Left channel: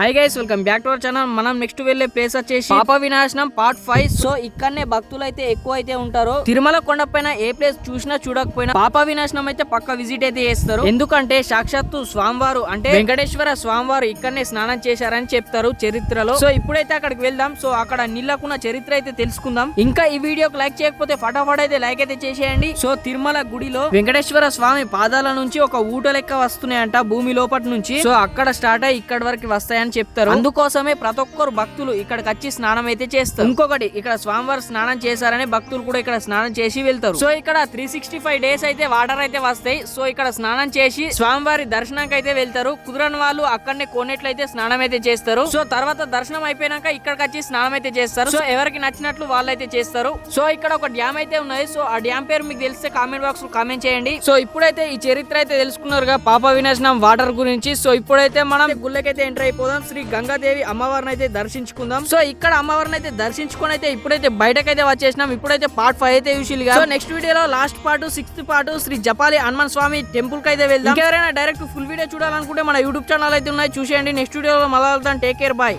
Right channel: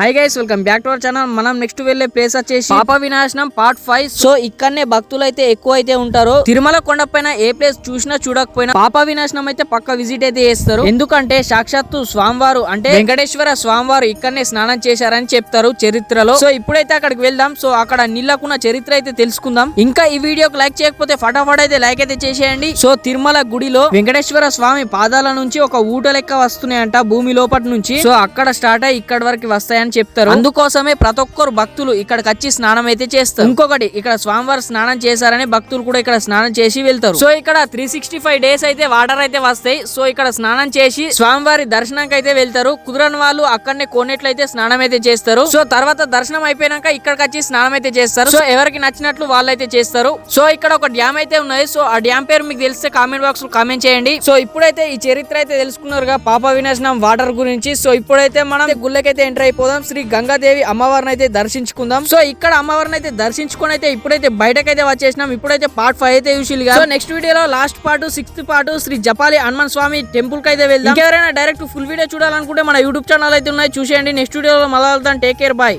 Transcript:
Hi guys, welcome back to our channel. మనం next వెళ్లే place వచ్చేసి పాప వినాశనం పార్ట్ 5. సో ఇక్కడనే భక్తులు అయితే ఎక్కువ అయితే ఉంటారు. తిరుమల కొండపైన ఏ ప్లేస్ చూసినా చూడకపోయినా పాప వినాశనం అయితే పక్క విజిట్ అయితే చేస్తారు. ఎందుకంటే సాక్షాత్తు స్వామివారు అంటే వెంకటేశ్వర స్వామివారు ఇక్కడనే స్నానం చేశారని చెప్తారు చరిత్రలో. సో ఇప్పుడైతే అక్కడికి వెళ్దాం. సో అక్కడ నీళ్ళకున్న చరిత్ర అయితే తెలుసుకుందాం. ఇంకా ఈ వీడియోకి లైక్ చేయకపోతే ఫటాఫట్ అయితే లైక్ అయితే చేసేయండి. సో తిరుమల గుడిలో వెంకటేశ్వర స్వామి పాదాల నుంచి ఒక ఊట లెక్క వస్తున్నాయంట భూమి లోపటి నుంచి. సో అక్కడ స్టార్ట్ అయ్యి ఇక్కడ వరకు వస్తాయని చెప్తారు. అందుకోసమే ప్రతి ఒక్కరు భక్తులు ఇక్కడికి వచ్చి స్నానం అయితే చేస్తారు. ఇంకొకటి, ఇక్కడ స్వామివారు స్నానం చేశారని భక్తులు కూడా ఇక్కడ స్నానం చేసి వెళ్తారు. సో ఇక్కడ 365 డేస్ అయితే వాటర్ అయితే వస్తాయి. సో ఇక్కడ స్నానం చేసి స్వామివారి దర్శనానికి అయితే వెళ్తారు. కుదరని వాళ్ళు అక్కడనే కోనేట్లయితే స్నానం అయితే చేస్తారు. సో తర్వాత దర్శనం అయిపోయినాక ఇక్కడికి వచ్చి స్నానం అయితే చేస్తారు. సో ఎవరికి నచ్చినట్లు వాళ్ళైతే చేస్తారు. సో ఇక్కడ ఒక డ్యామ్ అయితే ఉన్నది. సో ఆ డ్యామ్ పేరు మీకు తెలిస్తే కామెంట్ బాక్స్ లో కామెంట్ చేయండి. సో ఇప్పుడైతే ఈ చరిత్ర అయితే తెలుసుకున్నారుగా పాప వినాశనం వాటర్ గురించి. సో ఇప్పుడైతే మనం గుళ్ళకైతే ఎంటర్ అయిపోదాం. శ్రీ గంగాదేవి అమ్మవారిని అయితే దర్శించుకుందాం. సో ఇక్కడ అమ్మవారిని అయితే దర్శించుకొని అయితే ఇప్పుడైతే బయటకైతే వచ్చేసినాం. ఇప్పుడైతే పార్ట్ 5 అయితే చూసిగా. సో నెక్స్ట్ వీడియోలో last part 6th part Shri Japali Hanuman స్వామి టెంపుల్ కి అయితే వెళ్దాం. ఎవరైనా డైరెక్ట్ ఫుల్ వీడియో చూడాలనుకుంటే మన యూట్యూబ్ ఛానల్ అయితే ఉన్నాయి, చూసేయండి. నెక్స్ట్ వీడియోలో మళ్ళీ వెళ్తాం. Take care, bye.